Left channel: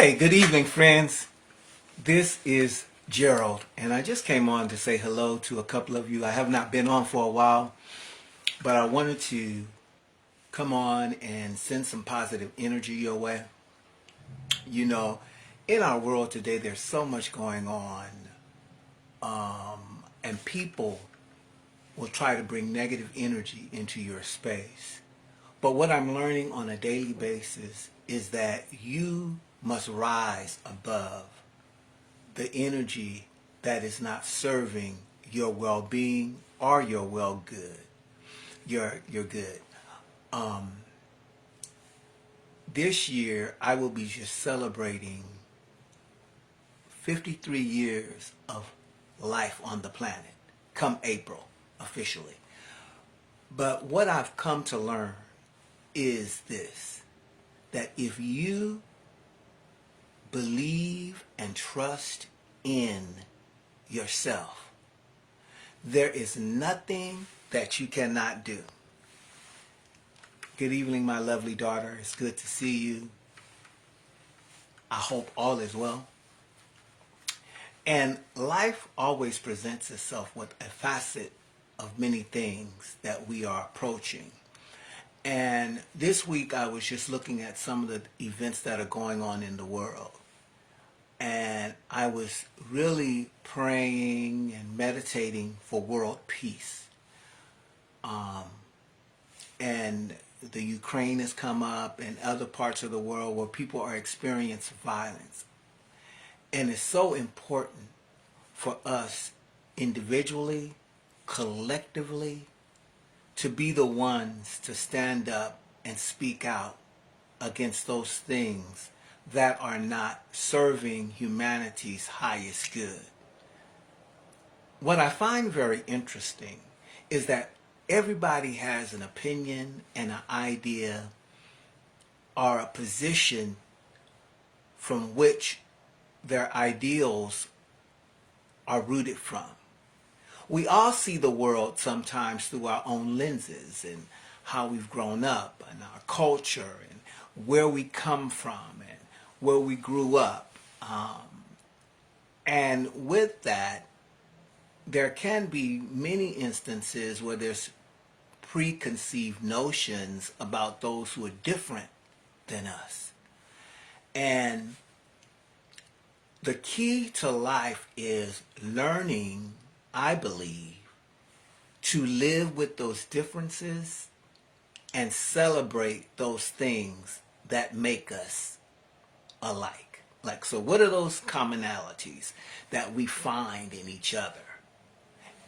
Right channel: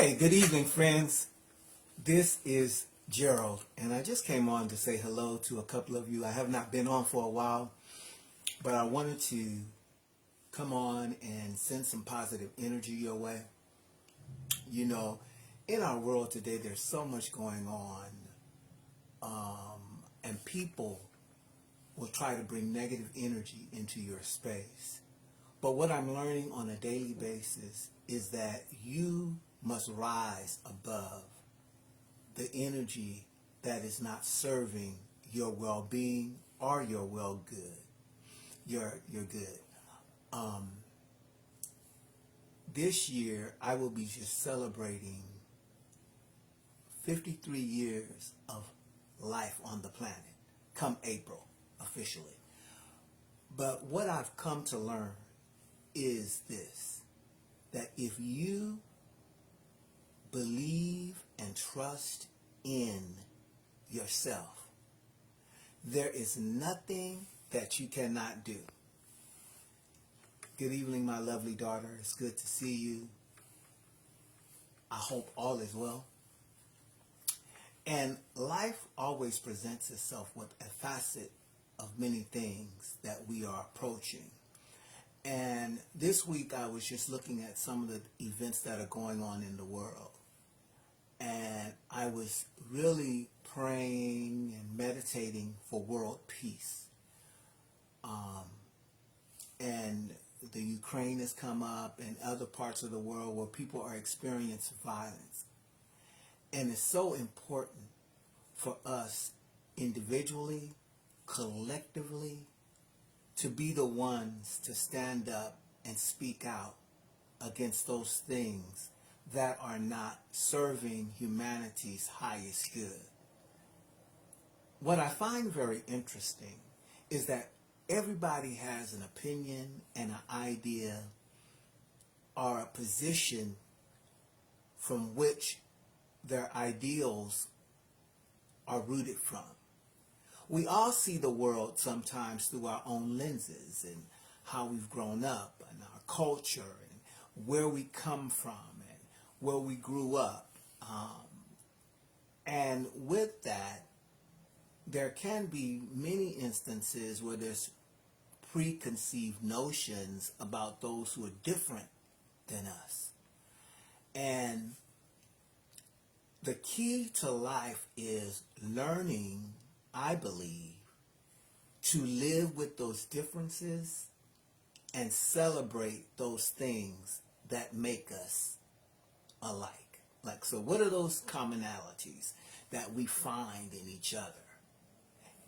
Hey, good evening, friends. This is Gerald, and I just came on to say hello to a couple of you. I have not been on for a while, but I wanted to come on and send some positive energy your way. You know, in our world today, there's so much going on, and people will try to bring negative energy into your space. But what I'm learning on a daily basis is that you must rise above the energy that is not serving your well-being or your well-good, your good. Um, this year, I will be just celebrating 53 years of life on the planet, come April, officially. But what I've come to learn is this, that if you believe and trust in yourself, there is nothing that you cannot do. Good evening, my lovely daughter. It's good to see you. I hope all is well. And life always presents itself with a facet of many things that we are approaching. And this week I was just looking at some of the events that are going on in the world. And I was really praying and meditating for world peace. And the Ukraine has come up and other parts of the world where people are experiencing violence. And it's so important for us individually, collectively, to be the ones to stand up and speak out against those things that are not serving humanity's highest good. What I find very interesting is that everybody has an opinion and an idea or a position from which their ideals are rooted from. We all see the world sometimes through our own lenses and how we've grown up and our culture and where we come from and where we grew up. And with that, there can be many instances where there's preconceived notions about those who are different than us. And the key to life is learning, I believe, to live with those differences and celebrate those things that make us alike. Like, so what are those commonalities that we find in each other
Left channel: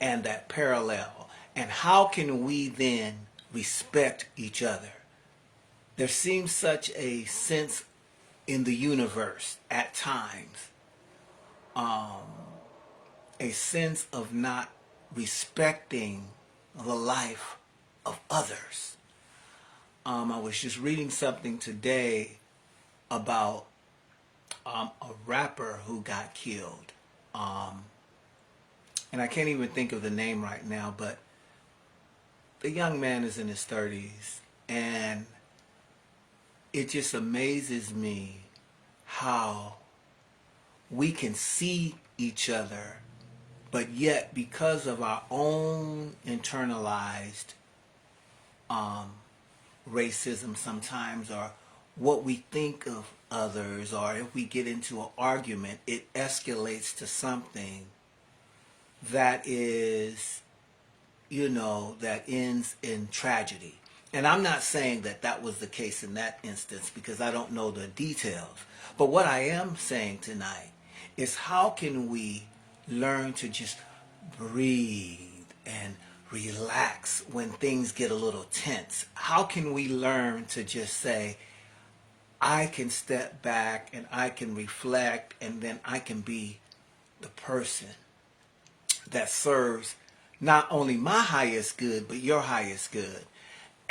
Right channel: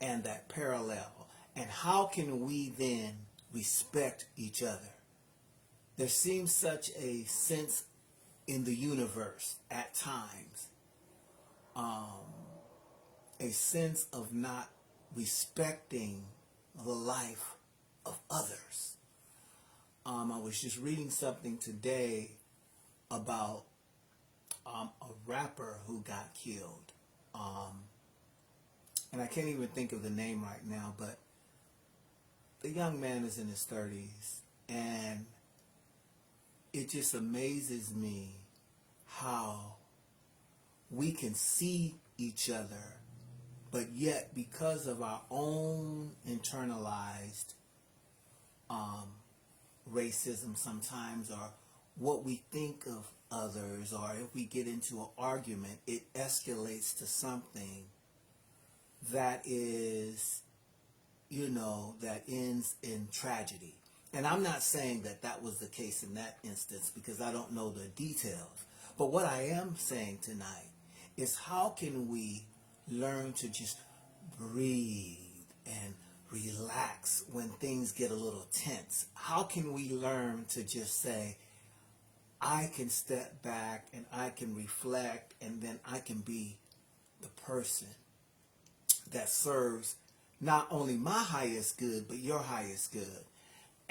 and that parallel? And how can we then respect each other? There seems such a sense in the universe at times, a sense of not respecting the life of others. I was just reading something today about a rapper who got killed. And I can't even think of the name right now, but the young man is in his 30s, and it just amazes me how we can see each other, but yet because of our own internalized racism sometimes, or what we think of others, or if we get into an argument, it escalates to something that is, that ends in tragedy. And I'm not saying that that was the case in that instance because I don't know the details. But what I am saying tonight is, how can we learn to just breathe and relax when things get a little tense? How can we learn to just say, I can step back and I can reflect, and then I can be the person that serves not only my highest good, but your highest good,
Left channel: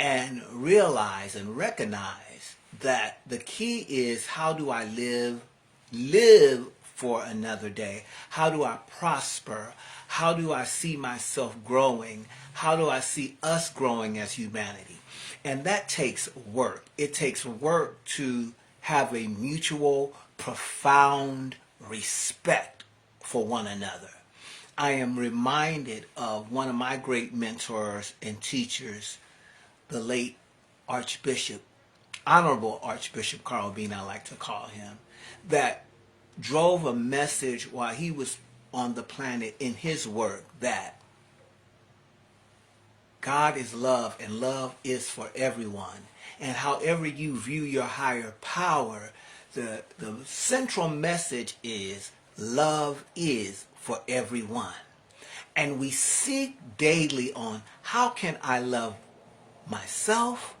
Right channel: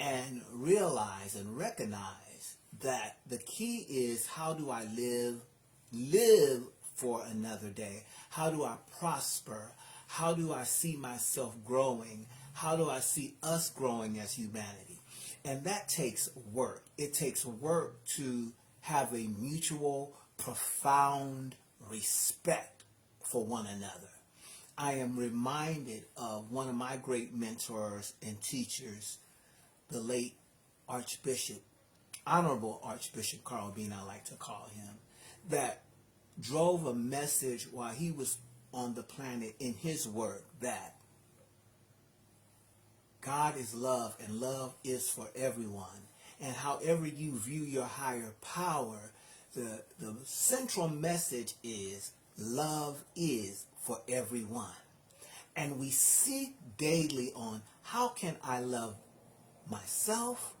and realize and recognize that the key is, how do I live for another day? How do I prosper? How do I see myself growing? How do I see us growing as humanity? And that takes work. It takes work to have a mutual, profound respect for one another. I am reminded of one of my great mentors and teachers, the late Archbishop, Honorable Archbishop Carl Bean, I like to call him, that drove a message while he was on the planet in his work that God is love and love is for everyone. And however you view your higher power, the central message is love is for everyone. And we seek daily on how can I love myself?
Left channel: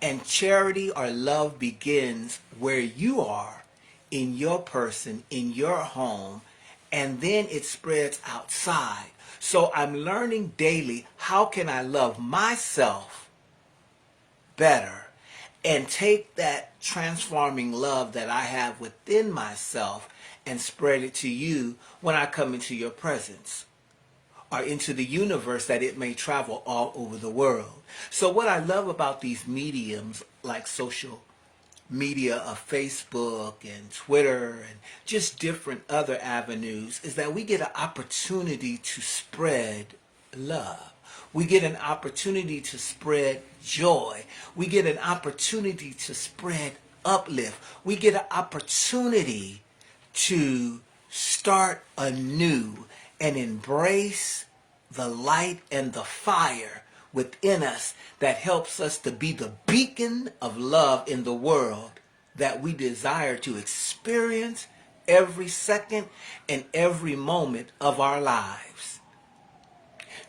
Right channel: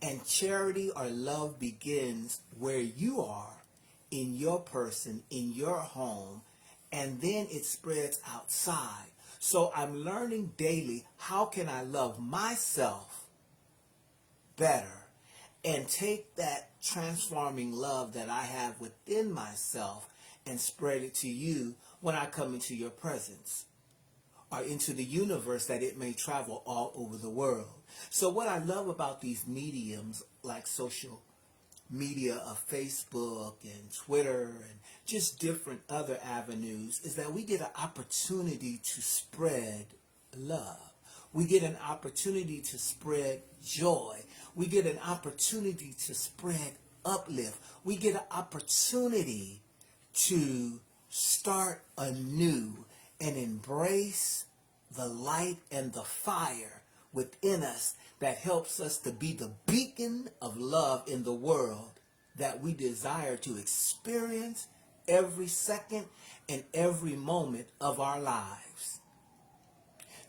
And charity or love begins where you are, in your person, in your home, and then it spreads outside. So I'm learning daily, how can I love myself better and take that transforming love that I have within myself and spread it to you when I come into your presence or into the universe that it may travel all over the world. So what I love about these mediums like social media of Facebook and Twitter and just different other avenues is that we get an opportunity to spread love. We get an opportunity to spread joy. We get an opportunity to spread uplift. We get an opportunity to start anew and embrace the light and the fire within us that helps us to be the beacon of love in the world that we desire to experience every second and every moment of our lives.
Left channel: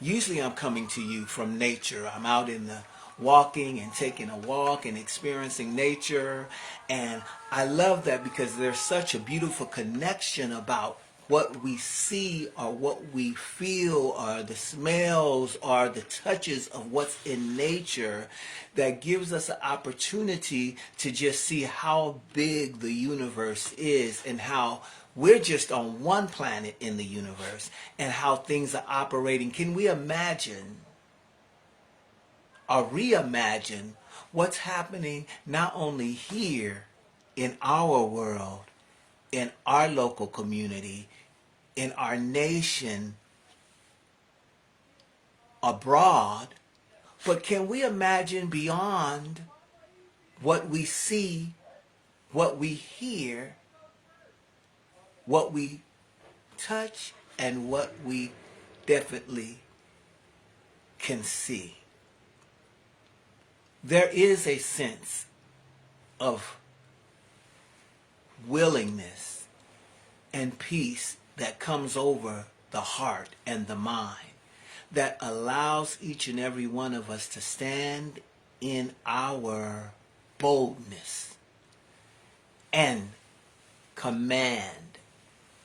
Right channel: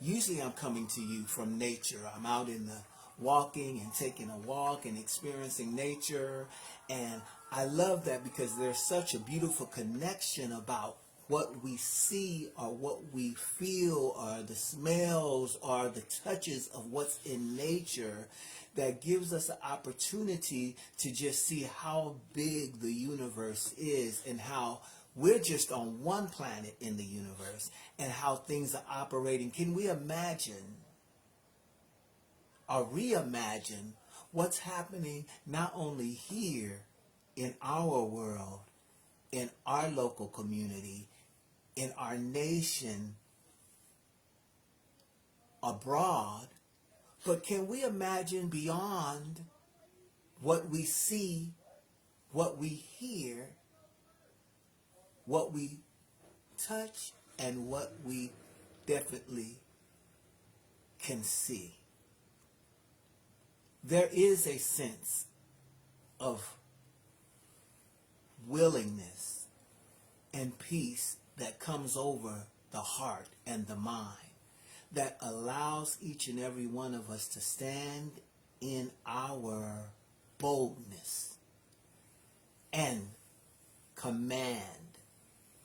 Usually I'm coming to you from nature. I'm out in the walking and taking a walk and experiencing nature. And I love that because there's such a beautiful connection about what we see or what we feel or the smells or the touches of what's in nature that gives us an opportunity to just see how big the universe is and how we're just on one planet in the universe and how things are operating. Can we imagine or reimagine what's happening not only here in our world, in our local community, in our nation, abroad, but can we imagine beyond what we see, what we hear, what we touch, and what we definitely can see? There is a sense of willingness and peace that comes over the heart and the mind that allows each and every one of us to stand in our boldness and command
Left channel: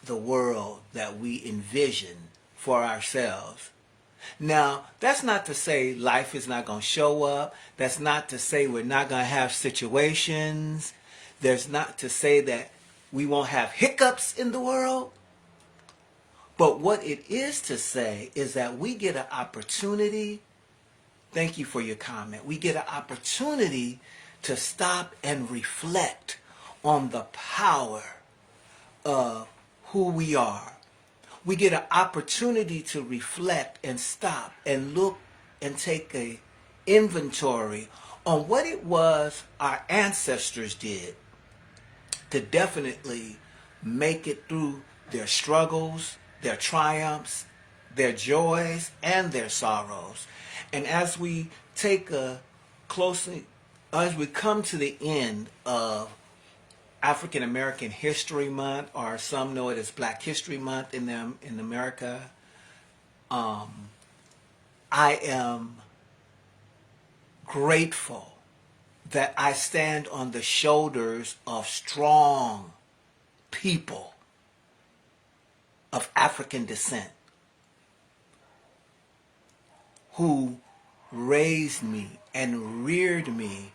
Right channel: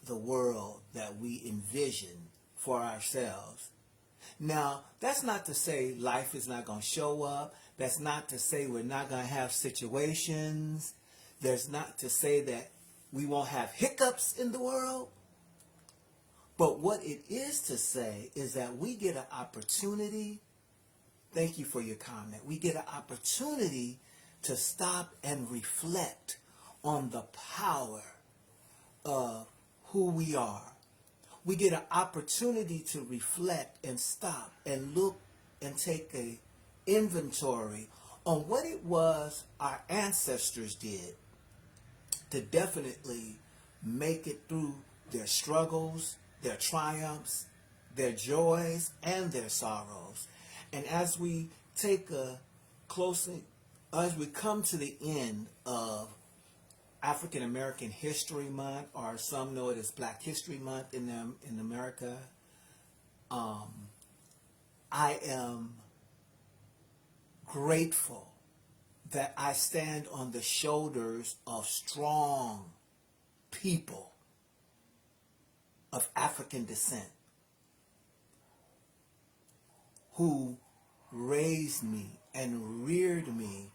the world that we envision for ourselves. Now, that's not to say life is not going to show up. That's not to say we're not going to have situations. There's not to say that we won't have hiccups in the world. But what it is to say is that we get an opportunity. Thank you for your comment. We get an opportunity to stop and reflect on the power of who we are. We get an opportunity to reflect and stop and look and take a inventory on what it was our ancestors did to definitely make it through their struggles, their triumphs, their joys, and their sorrows. And as we take a closely, as we come to the end of African American History Month, or some know it as Black History Month in America, I am grateful that I stand on the shoulders of strong people of African descent who raised me and reared me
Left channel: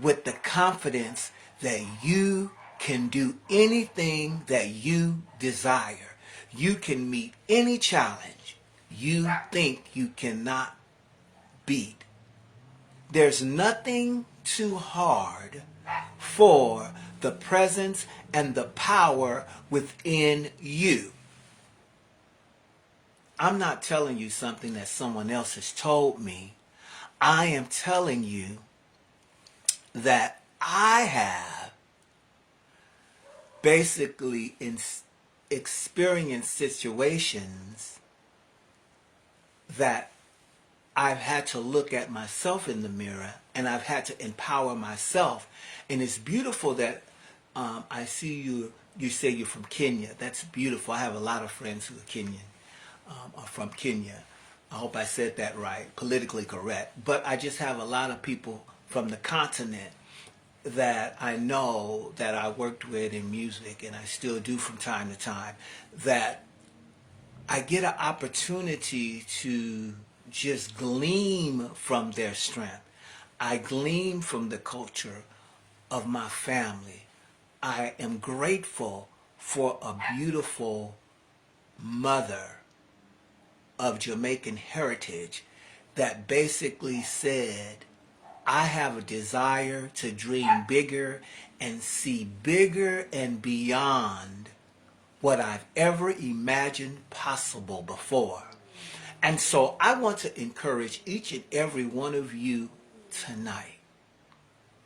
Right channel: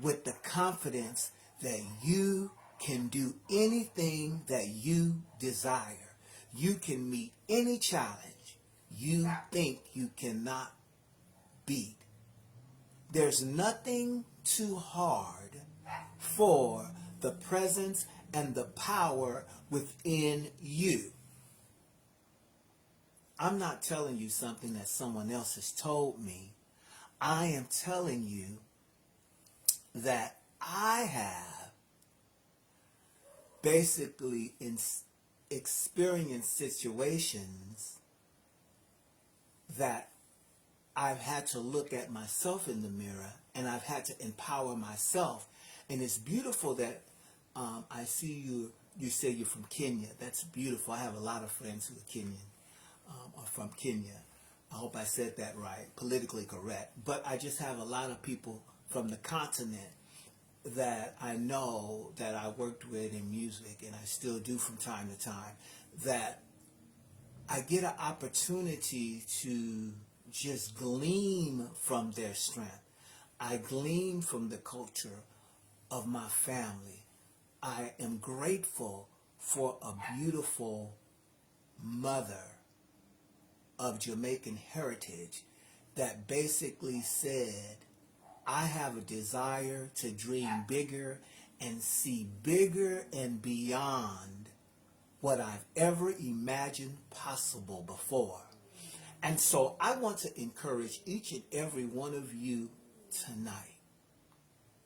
with the confidence that you can do anything that you desire. You can meet any challenge you think you cannot beat. There's nothing too hard for the presence and the power within you. I'm not telling you something that someone else has told me. I am telling you that I have basically experienced situations that I've had to look at myself in the mirror, and I've had to empower myself. And it's beautiful that I see you. You say you're from Kenya. That's beautiful. I have a lot of friends who are Kenyan, are from Kenya. I hope I said that right, politically correct. But I just have a lot of people from the continent that I know, that I worked with in music, and I still do from time to time, that I get an opportunity to just glean from their strength. I glean from the culture of my family. I am grateful for a beautiful mother of Jamaican heritage that basically said, I have a desire to dream bigger and see bigger and beyond what I've ever imagined possible before. And so I want to encourage each and every one of you tonight,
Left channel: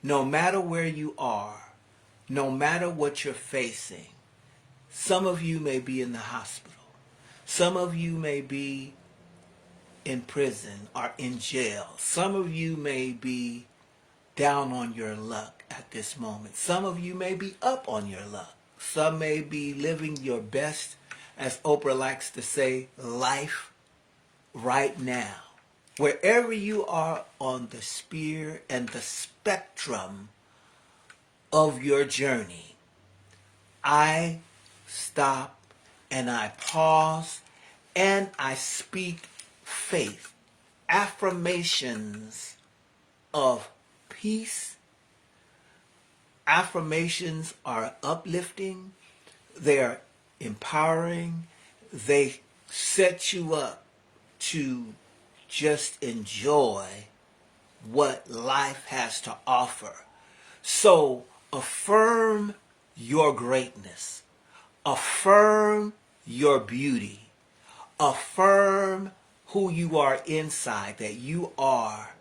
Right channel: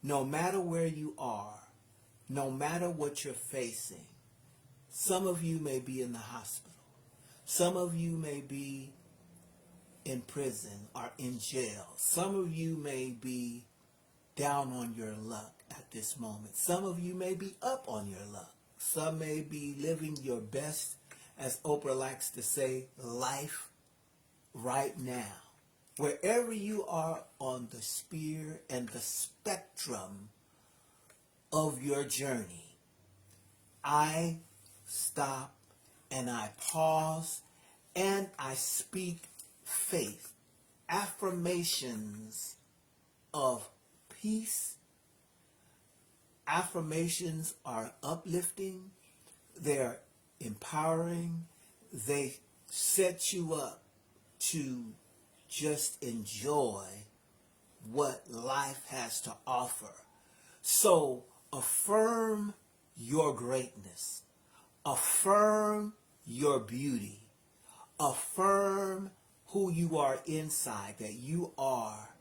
no matter where you are, no matter what you're facing. Some of you may be in the hospital. Some of you may be in prison or in jail. Some of you may be down on your luck at this moment. Some of you may be up on your luck. Some may be living your best, as Oprah likes to say, life right now. Wherever you are on the sphere and the spectrum of your journey, I stop and I pause and I speak faith, affirmations of peace. Affirmations are uplifting, they're empowering, they set you up to just enjoy what life has to offer. So affirm your greatness, affirm your beauty, affirm who you are inside, that you are,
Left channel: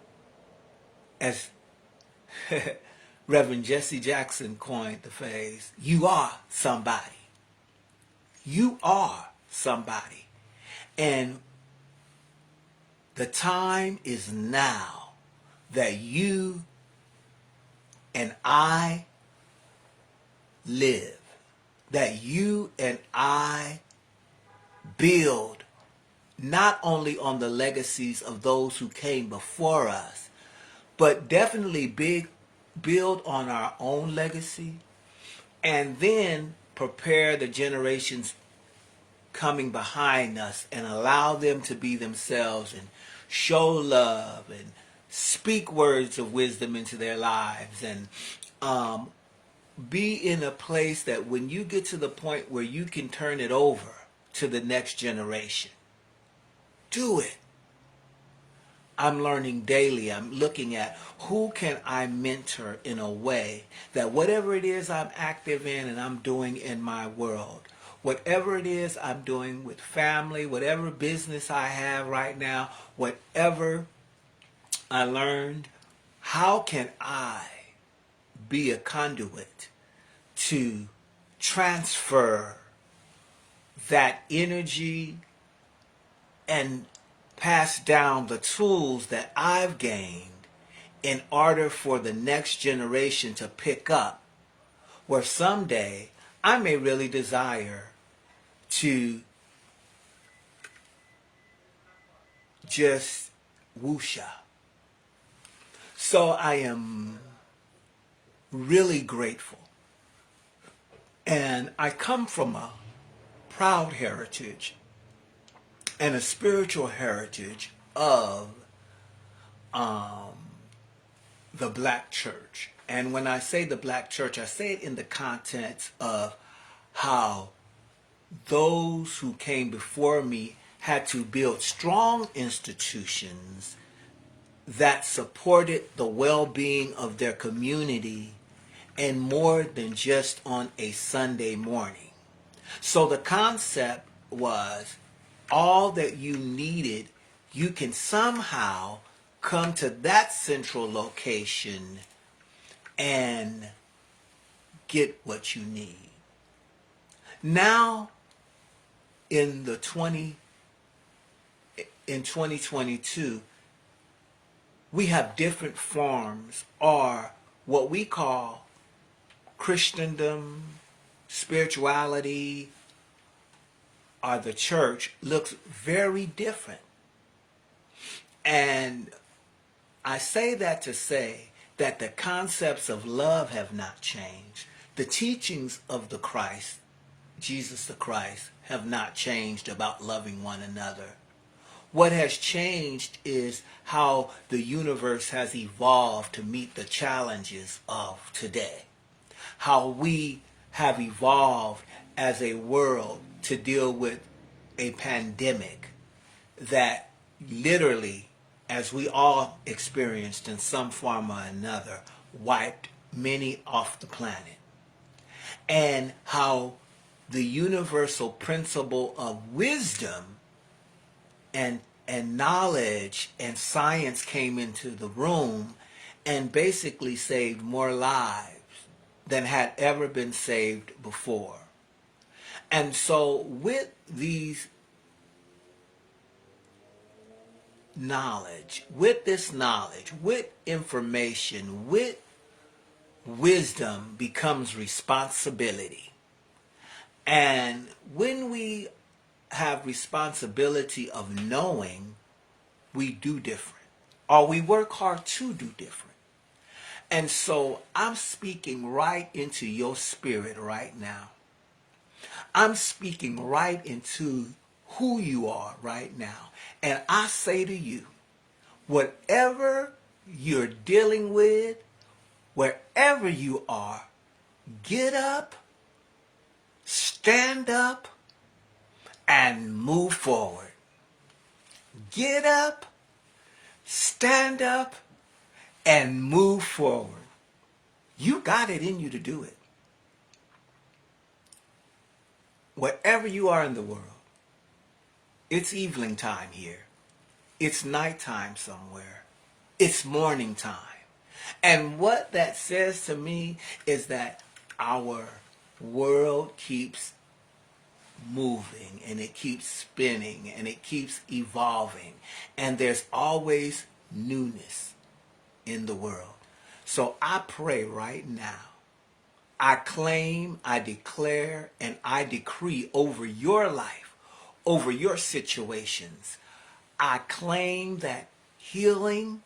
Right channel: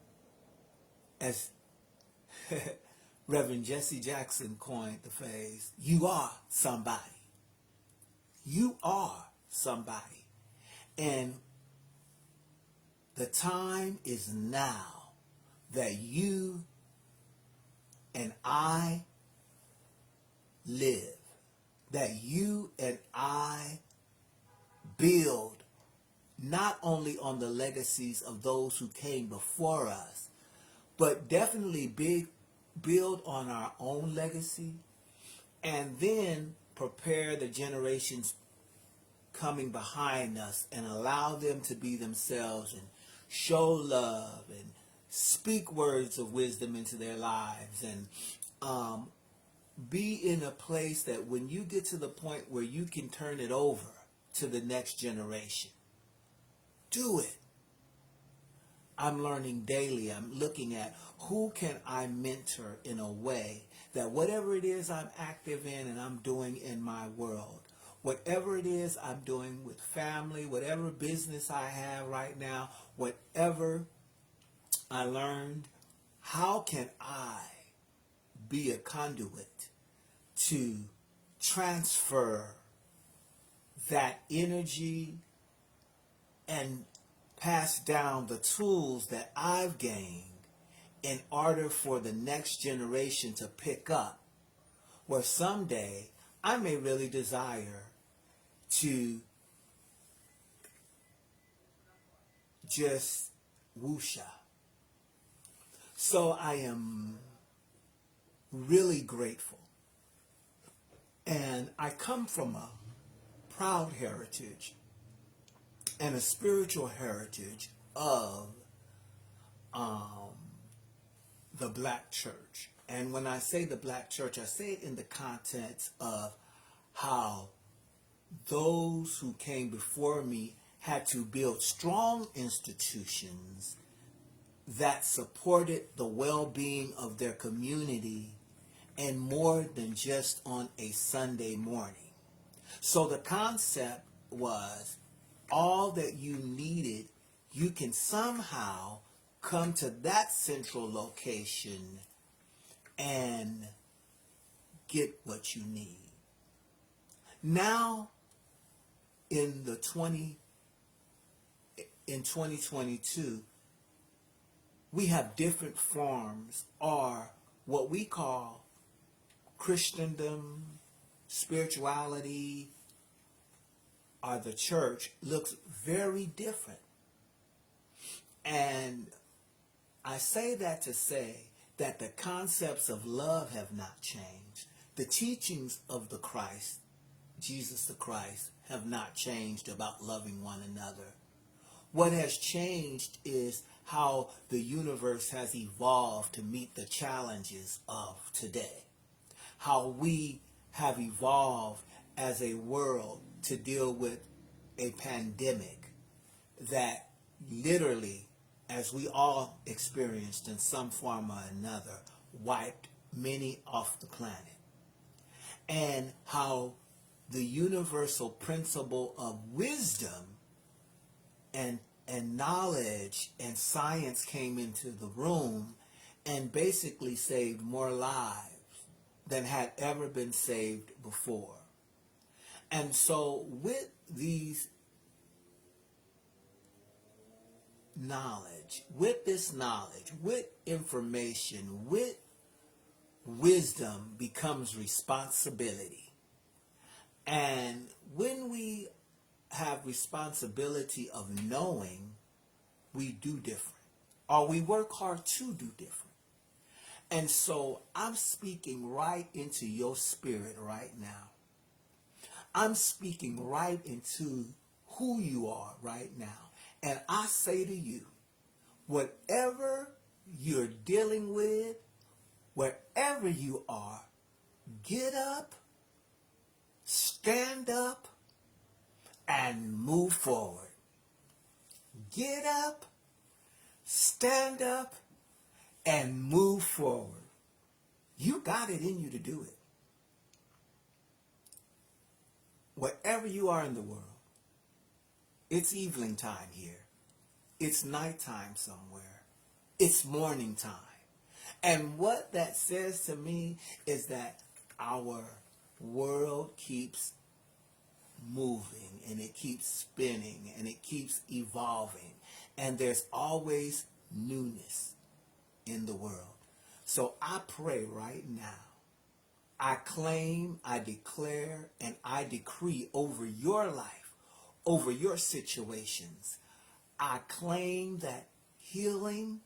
as Reverend Jesse Jackson coined the phrase, you are somebody. You are somebody. And the time is now that you and I live, that you and I build not only on the legacies of those who came before us, but definitely build on our own legacy, and then prepare the generations coming behind us and allow them to be themselves and show love and speak words of wisdom into their lives, and be in a place that when you get to the point where you can turn it over to the next generation, do it. I'm learning daily. I'm looking at who can I mentor in a way that whatever it is I'm active in and I'm doing in my world, whatever it is I'm doing with family, whatever business I have right now, whatever I learned, how can I be a conduit to transfer that energy and pass down the tools that I've gained in order for the next generation to pick up, where someday I may really desire to just woosha. So I am really grateful. And I come from a proud heritage and a spiritual heritage of the black church. And when I say the black church, I say it in the context of how those who came before me had to build strong institutions that supported the well-being of their community and more than just on a Sunday morning. So the concept was all that you needed, you can somehow come to that central location and get what you need. Now in 2022, we have different forms, or what we call Christendom, spirituality, or the church looks very different. And I say that to say that the concepts of love have not changed. The teachings of the Christ, Jesus the Christ, have not changed about loving one another. What has changed is how the universe has evolved to meet the challenges of today. How we have evolved as a world to deal with a pandemic that literally, as we all experienced in some form or another, wiped many off the planet. And how the universal principle of wisdom and knowledge and science came into the room and basically saved more lives than had ever been saved before. And so with these knowledge, with information, with wisdom becomes responsibility. And when we have responsibility of knowing, we do different, or we work hard to do different. And so I'm speaking right into your spirit right now. I'm speaking right into who you are right now. And I say to you, whatever you're dealing with, wherever you are, get up, stand up, and move forward. Get up, stand up, and move forward. You got it in you to do it. Wherever you are in the world, it's evening time here. It's nighttime somewhere. It's morning time. And what that says to me is that our world keeps moving, and it keeps spinning, and it keeps evolving, and there's always newness in the world. So I pray right now, I claim, I declare, and I decree over your life, over your situations. I claim that healing,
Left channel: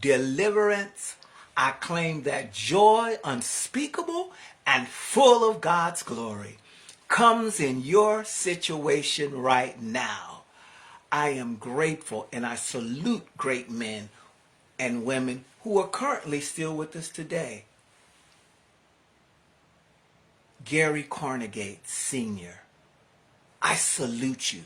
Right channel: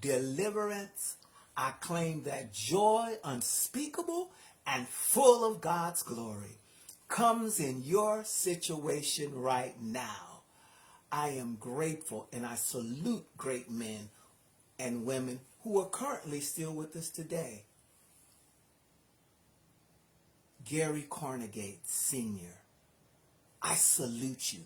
deliverance, I claim that joy unspeakable and full of God's glory comes in your situation right now. I am grateful, and I salute great men and women who are currently still with us today. Gary Carnegie Sr., I salute you.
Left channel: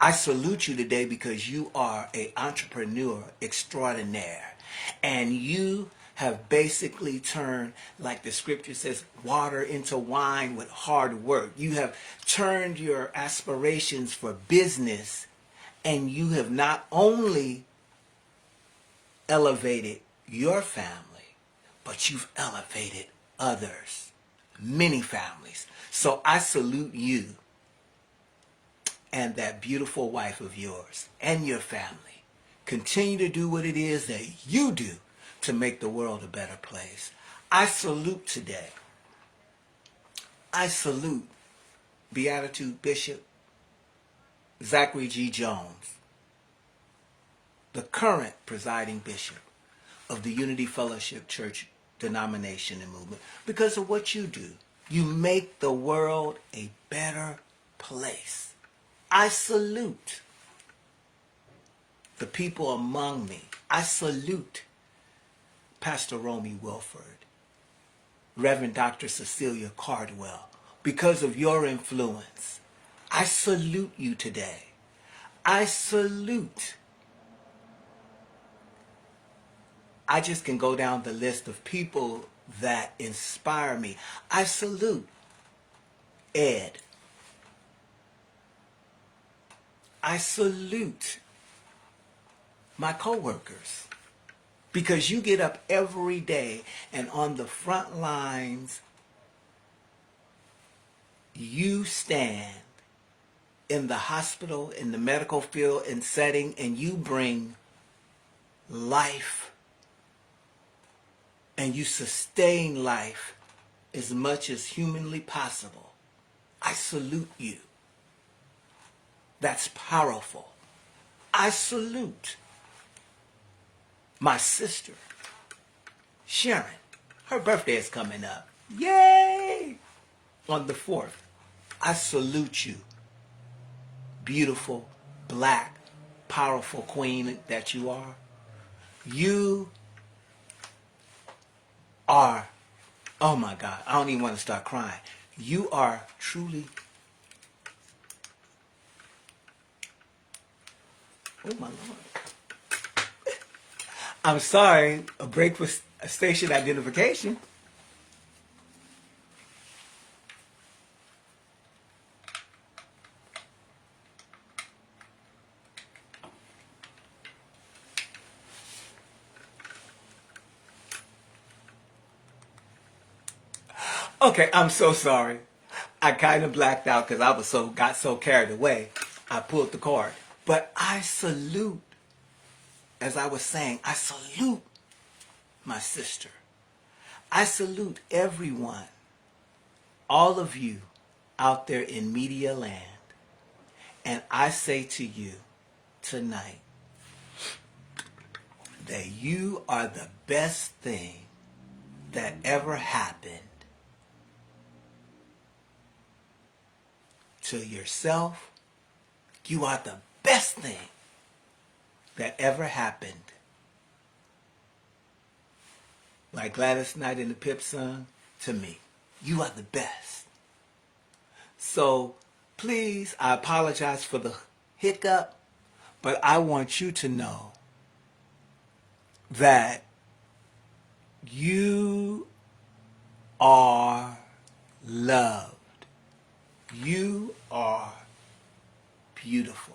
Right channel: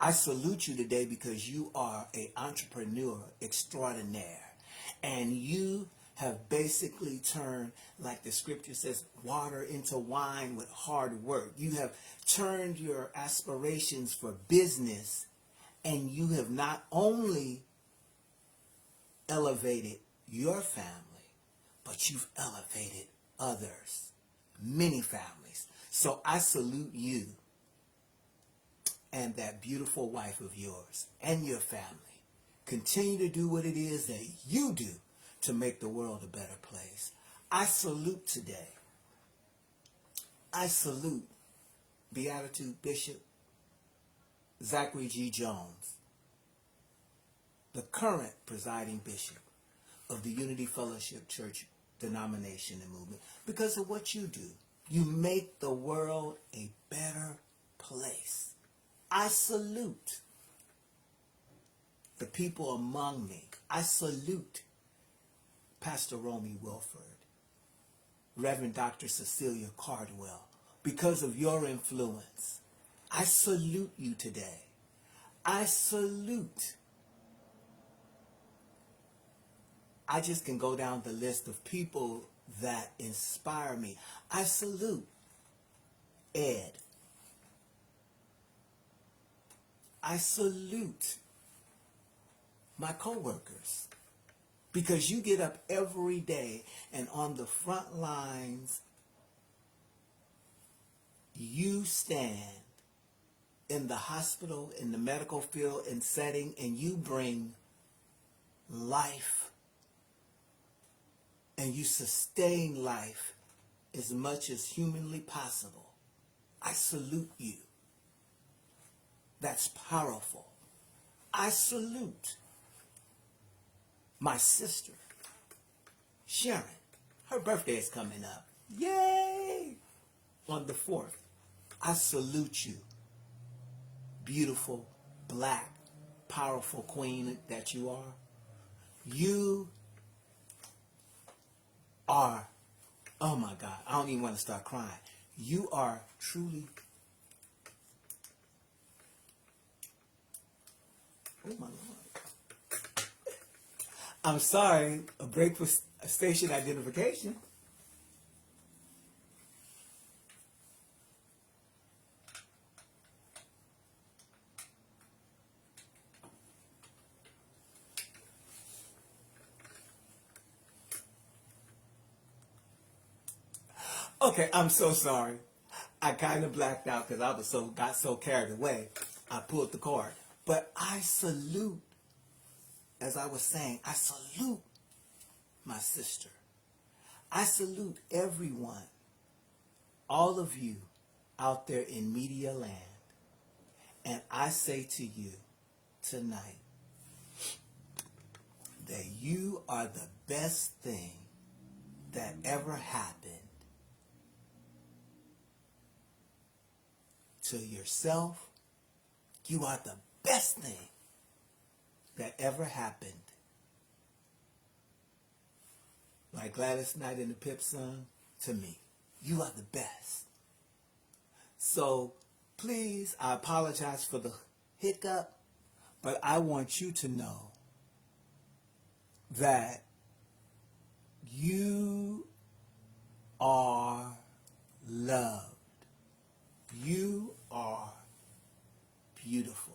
I salute you today because you are an entrepreneur extraordinaire, and you have basically turned, like the scripture says, water into wine with hard work. You have turned your aspirations for business, and you have not only elevated your family, but you've elevated others, many families. So I salute you and that beautiful wife of yours and your family. Continue to do what it is that you do to make the world a better place. I salute today. I salute Beatitude Bishop Zachary G. Jones, the current presiding bishop of the Unity Fellowship Church denomination and movement, because of what you do. You make the world a better place. I salute the people among me. I salute Pastor Romy Wilford, Reverend Dr. Cecilia Cardwell, because of your influence. I salute you today. I salute. I just can go down the list of people that inspire me. I salute Ed. I salute my coworkers, because you get up every day and on the front lines you stand in the hospital, in the medical field and setting, and you bring life and you sustain life as much as humanly possible. I salute you. That's powerful. I salute my sister, Sharon. Her birthday is coming up. Yay! On the 4th. I salute you, beautiful, black, powerful queen that you are. You are, oh my God, I don't even want to start crying. You are truly, oh my Lord. I'm sorry, a break for station identification. Okay, I'm so sorry. I kind of blacked out because I was got so carried away. I pulled the card. But I salute, as I was saying, I salute my sister. I salute everyone, all of you out there in media land. And I say to you tonight that you are the best thing that ever happened to yourself. You are the best thing that ever happened. Like Gladys Knight in the Pip song, to me. You are the best. So please, I apologize for the hiccup, but I want you to know that you are loved. You are beautiful.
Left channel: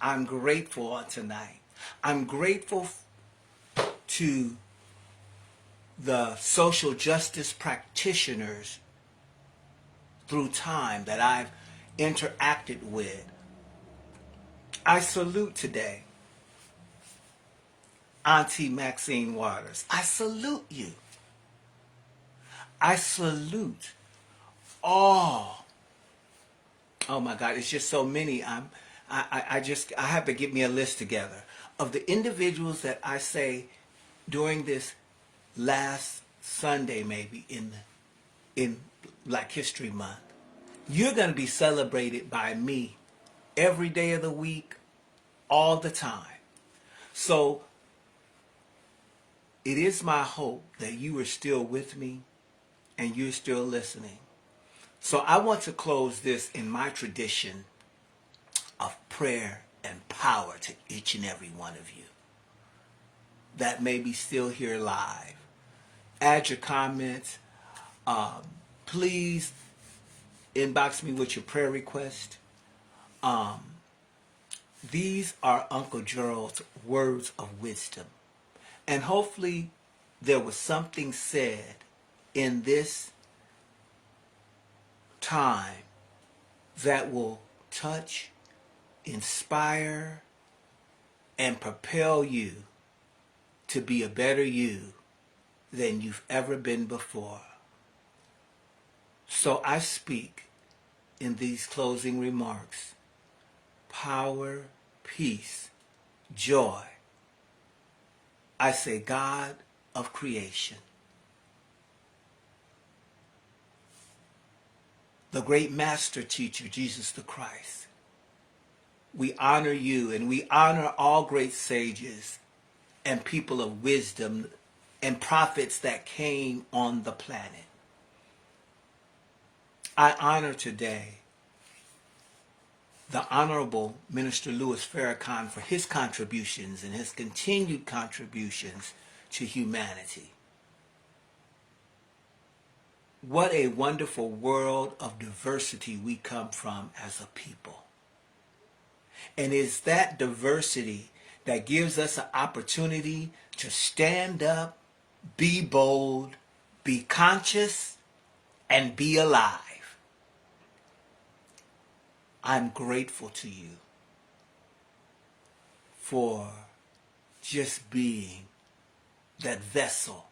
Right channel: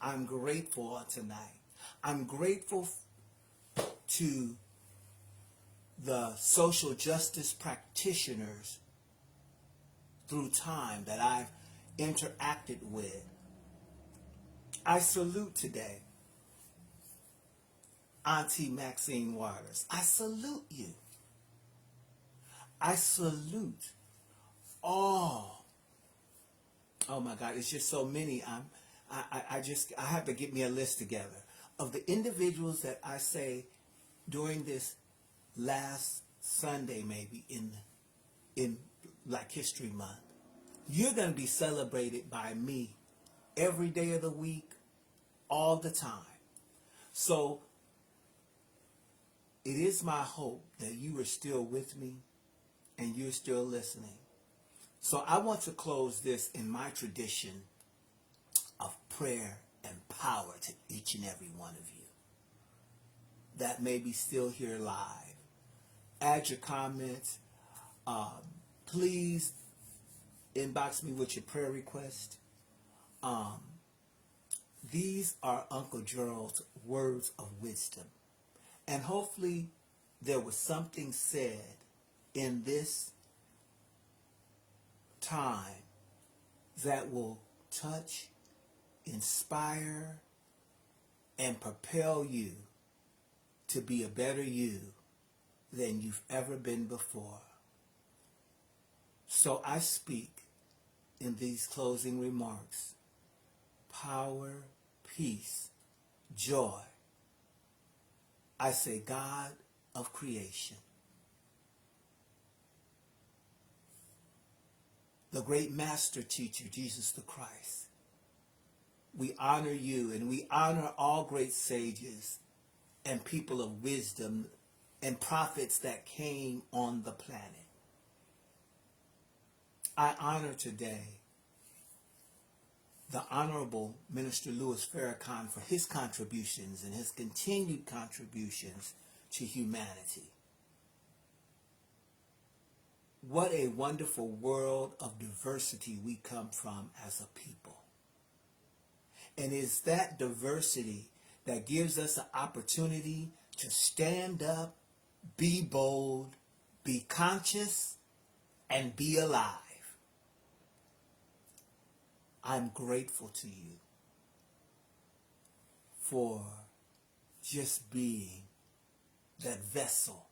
I'm grateful on tonight. I'm grateful to the social justice practitioners through time that I've interacted with. I salute today Auntie Maxine Waters. I salute you. I salute all. Oh my God, it's just so many. I have to get me a list together of the individuals that I say during this last Sunday, maybe in Black History Month. You're going to be celebrated by me every day of the week, all the time. So it is my hope that you are still with me and you're still listening. So I want to close this in my tradition of prayer and power to each and every one of you that may be still here live. Add your comments. Please inbox me with your prayer request. These are Uncle Gerald's words of wisdom. And hopefully there was something said in this time that will touch, inspire, and propel you to be a better you than you've ever been before. So I speak in these closing remarks power, peace, joy. I say God of creation, the great master teacher, Jesus the Christ. We honor you and we honor all great sages and people of wisdom and prophets that came on the planet. I honor today the Honorable Minister Louis Farrakhan for his contributions and his continued contributions to humanity. what a wonderful world of diversity we come from as a people. And it's that diversity that gives us an opportunity to stand up, be bold, be conscious, and be alive. I'm grateful to you for just being that vessel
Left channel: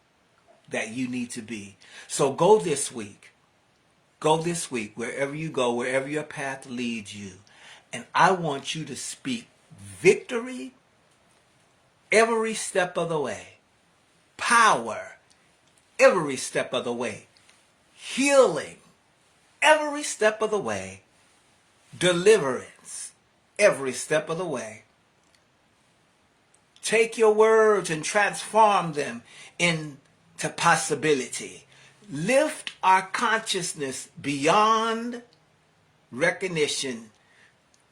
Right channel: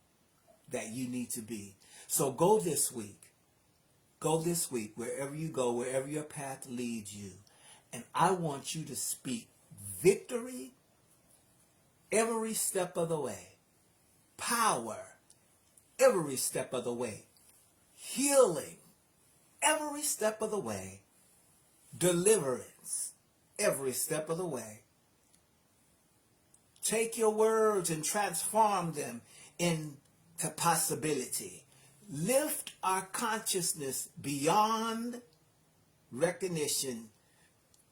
that you need to be. So go this week, wherever you go, wherever your path leads you, and I want you to speak victory every step of the way, power every step of the way, healing every step of the way, deliverance every step of the way. Take your words and transform them into possibility. Lift our consciousness beyond recognition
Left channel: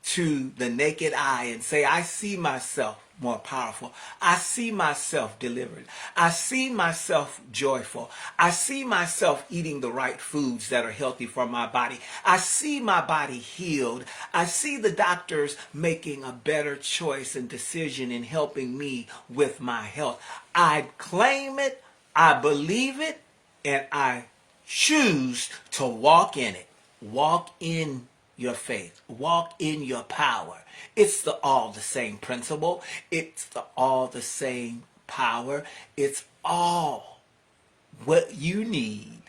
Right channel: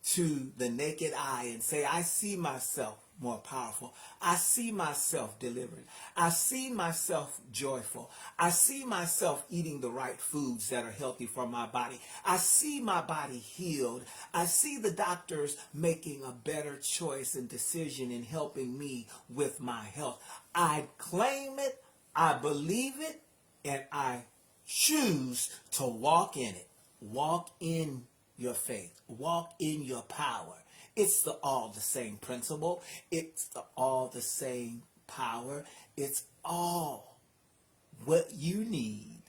to the naked eye and say, I see myself more powerful. I see myself delivered. I see myself joyful. I see myself eating the right foods that are healthy for my body. I see my body healed. I see the doctors making a better choice and decision in helping me with my health. I claim it, I believe it, and I choose to walk in it. Walk in your faith. Walk in your power. It's all the same principle. It's all the same power. It's all what you need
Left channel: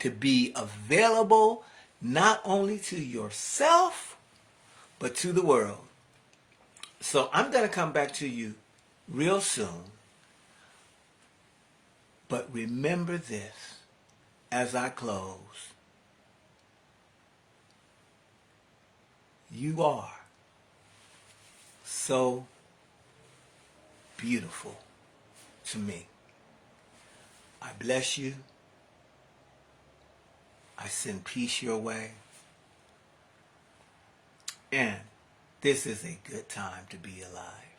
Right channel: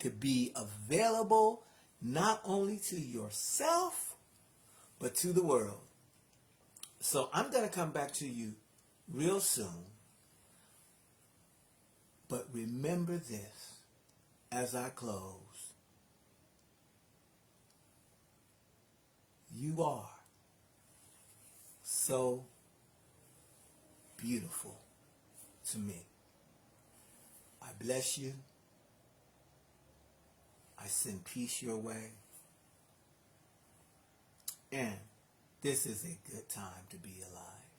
to be available not only to yourself, but to the world. So I'm going to come back to you real soon. But remember this as I close. You are so beautiful to me. I bless you. I send peace your way. And this is a good time to be alive.